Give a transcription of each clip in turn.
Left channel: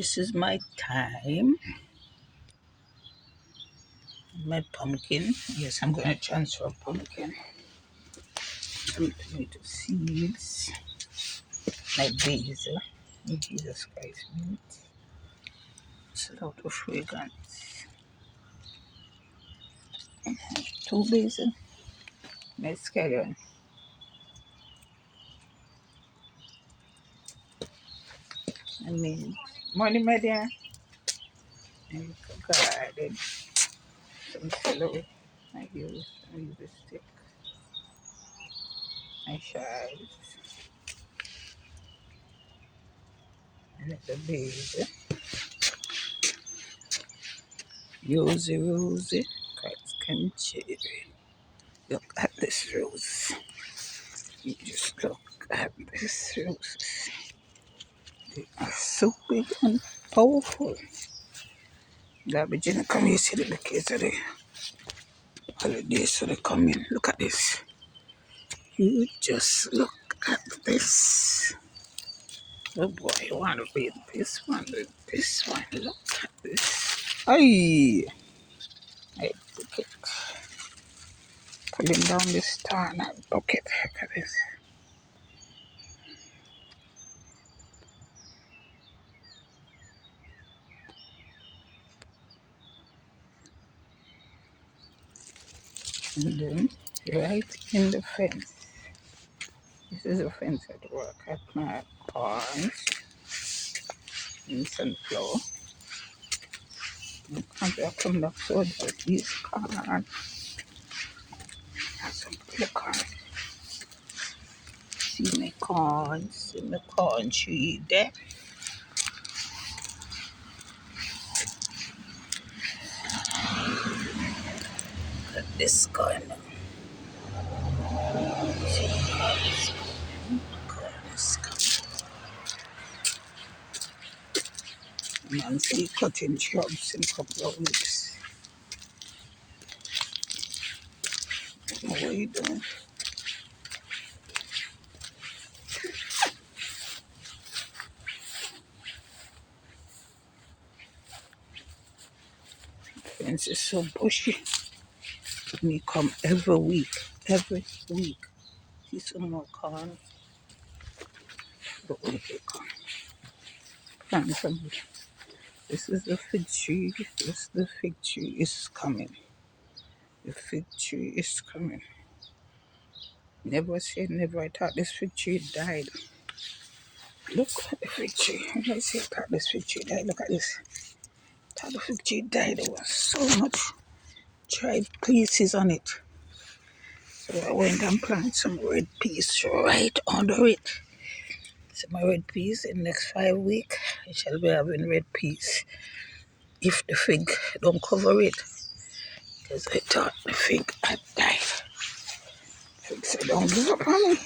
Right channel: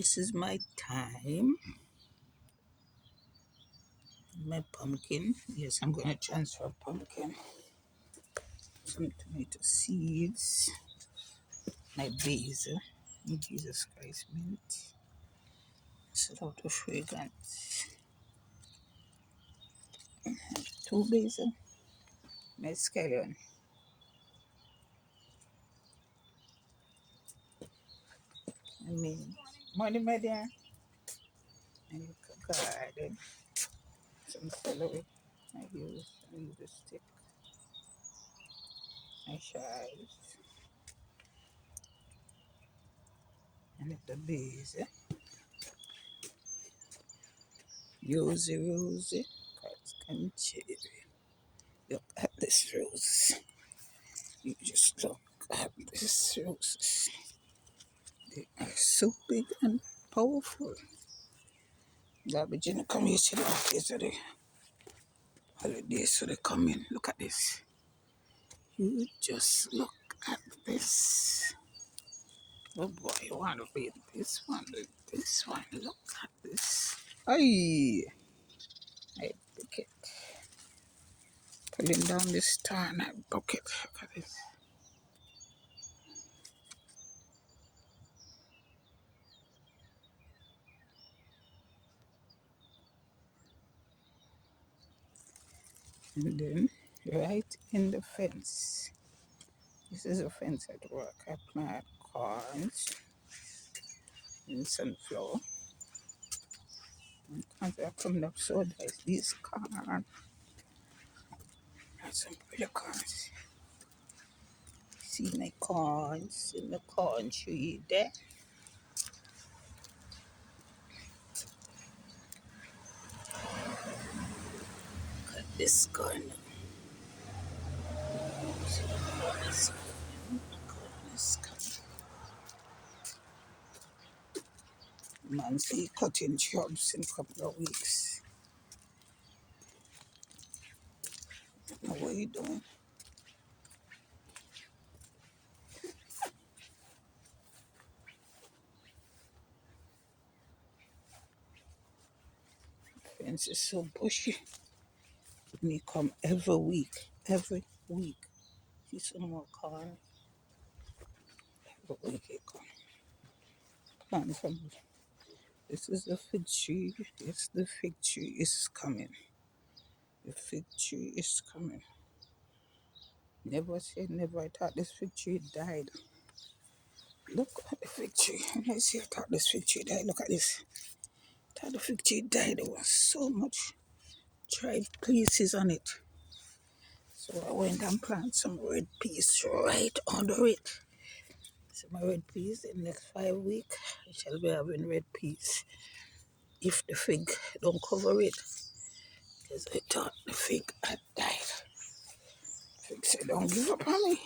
This is my time. My pumpkin. Yes, I'm going to transfer pumpkin. Some tomato seeds. My basil. Jesus Christ meat. It's a lot of fragrance. Two basil. My scallion. I mean, morning, my dear. And garden. Some celery. I use a stick. My chives. And it's a basil. Rosy. Christ cherry. Look at this rose. You just look at this roses. They are so big and powerful. Garbage in come here, see the kids today. Holidays, so they come in. Look at this. You just look at this. Oh boy, you want to read this one with this one. Look at this. Ay, I bucket. Pulling down this star and I bucket. Look at this. And then right in the fence. This is a fence at work. I plant corns and sunflower. And I come up so that these corn and some little corns. See my corns in the corn tree there. Look at this corn. See this corn is coming. I'm still cutting shrubs in a couple of weeks. What are you doing? The fence is so bushy. Me come every week. Every week. See some more corn. But wait, they come. Plant from here. This is the fig tree. This the fig tree is coming. The fig tree is coming. Never say never. I thought this fig tree died. Look at the fig tree. When I say I thought this fig tree died, look at this. I thought the fig tree died. There was so much dried pieces on it. So I went and planted some red peas right under it. So my red peas in the next 5 weeks, I shall be having red peas. If the fig don't cover it, because I thought the fig had died. Fig said, don't give up on me.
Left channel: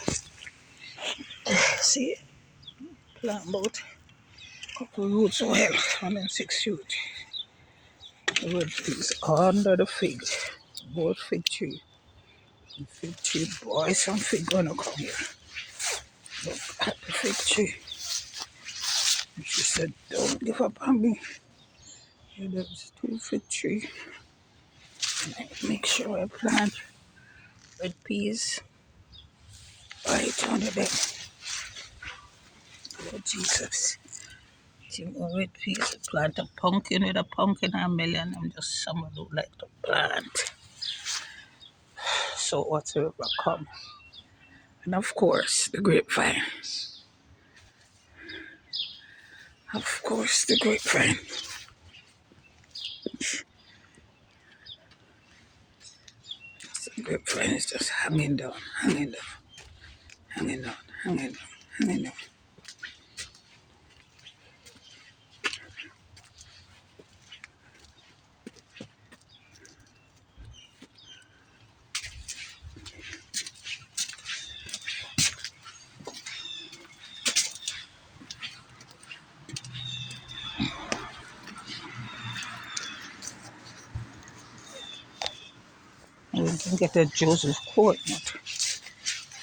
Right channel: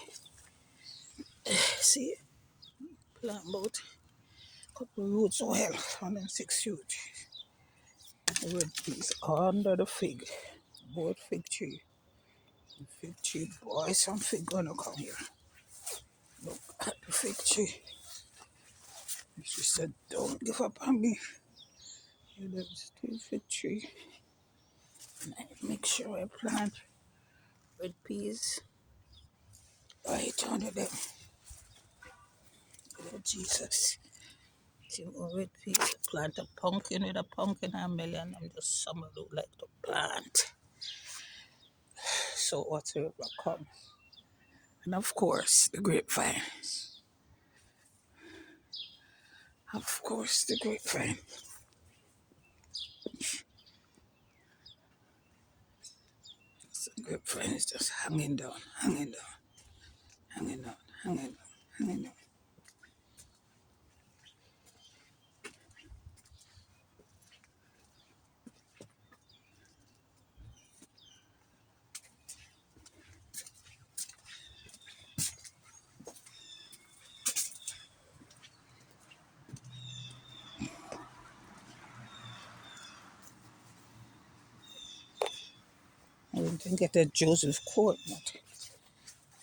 See, plant about a couple roots well, 106 roots. Red peas under the fig, both fig tree. The fig tree, boy, some fig gonna come here. Look at the fig tree. And she said, don't give up on me. Here there's 2 fig tree. And I make sure I plant red peas right under them. Oh, Jesus. See more red peas. Plant a pumpkin with a pumpkin and a melon. I'm just someone who like to plant. So whatsoever come. And of course, the grapevine. Of course, the grapevine. The grapevine is just hanging down, hanging down, hanging down, hanging down, hanging down. And we can get a Joseph Court nut.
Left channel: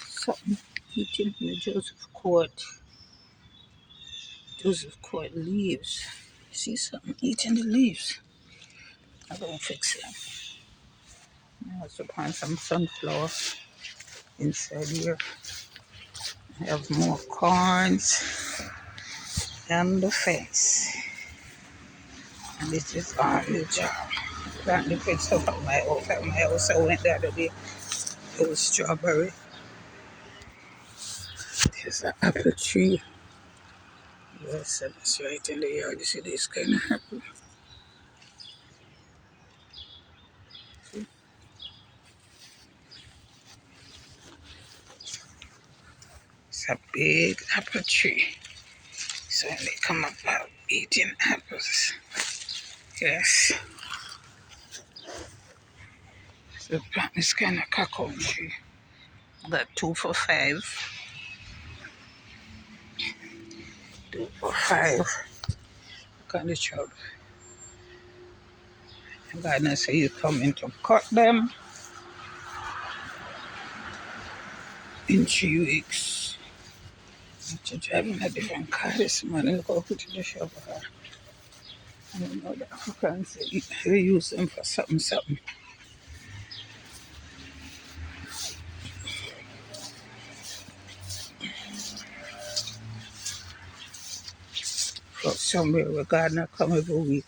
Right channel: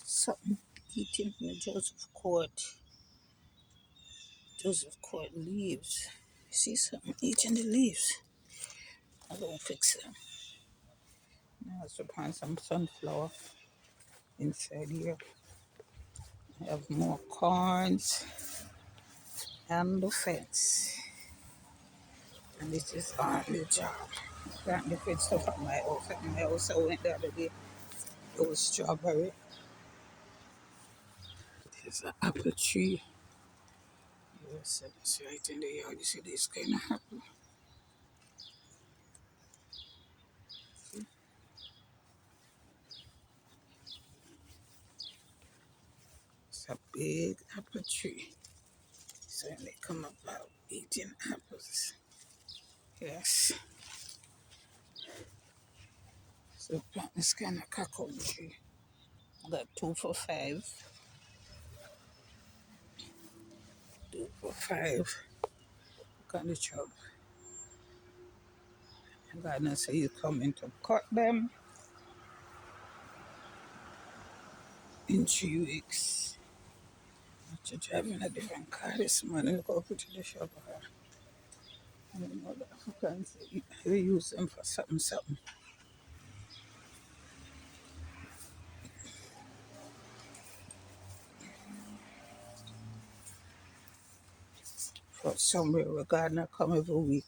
Something eating in the Joseph Court. Those are quite leaves. See something eating the leaves. I'm gonna fix them. I also plant some sunflower inside here. I have more corns and the fence. And this is on the job. Plant the fence stuff at my house. At my house, I went the other day. It was strawberry. There's an apple tree. Yes, and it's right in the yard. You see this kind of apple. It's a big apple tree. So when they come up out eating apples. Yes. So plant this kind of cacao tree. Got 2 for 5. 2 for 5. Look at the trouble. God now say you coming to cut them in 3 weeks. I'm driving a different car this morning. Look how put in the shop. I don't know the Africans say you use them for something, something. But somewhere where gardener come every week.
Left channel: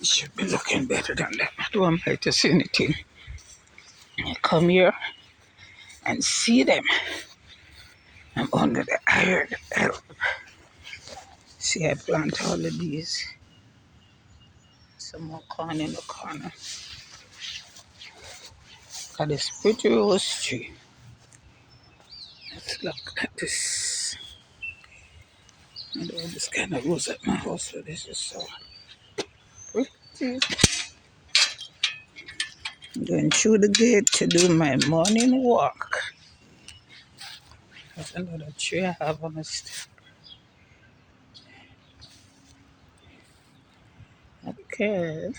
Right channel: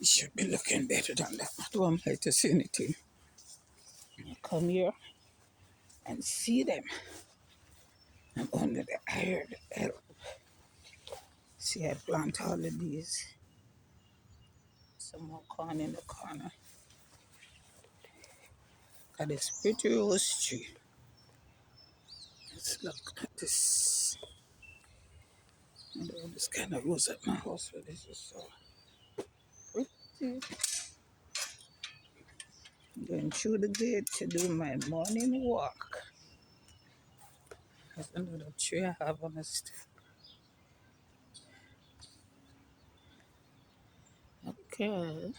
It should be looking better than that. I don't like to see anything. I come here and see them. I'm under the iron help. See, I plant all of these. Some more corn in the corner. Got this pretty rose tree. Let's look at this. I love this kind of rose at my house, so this is so pretty. I'm going through the gate to do my morning walk. There's another tree I have on the stick. Okay.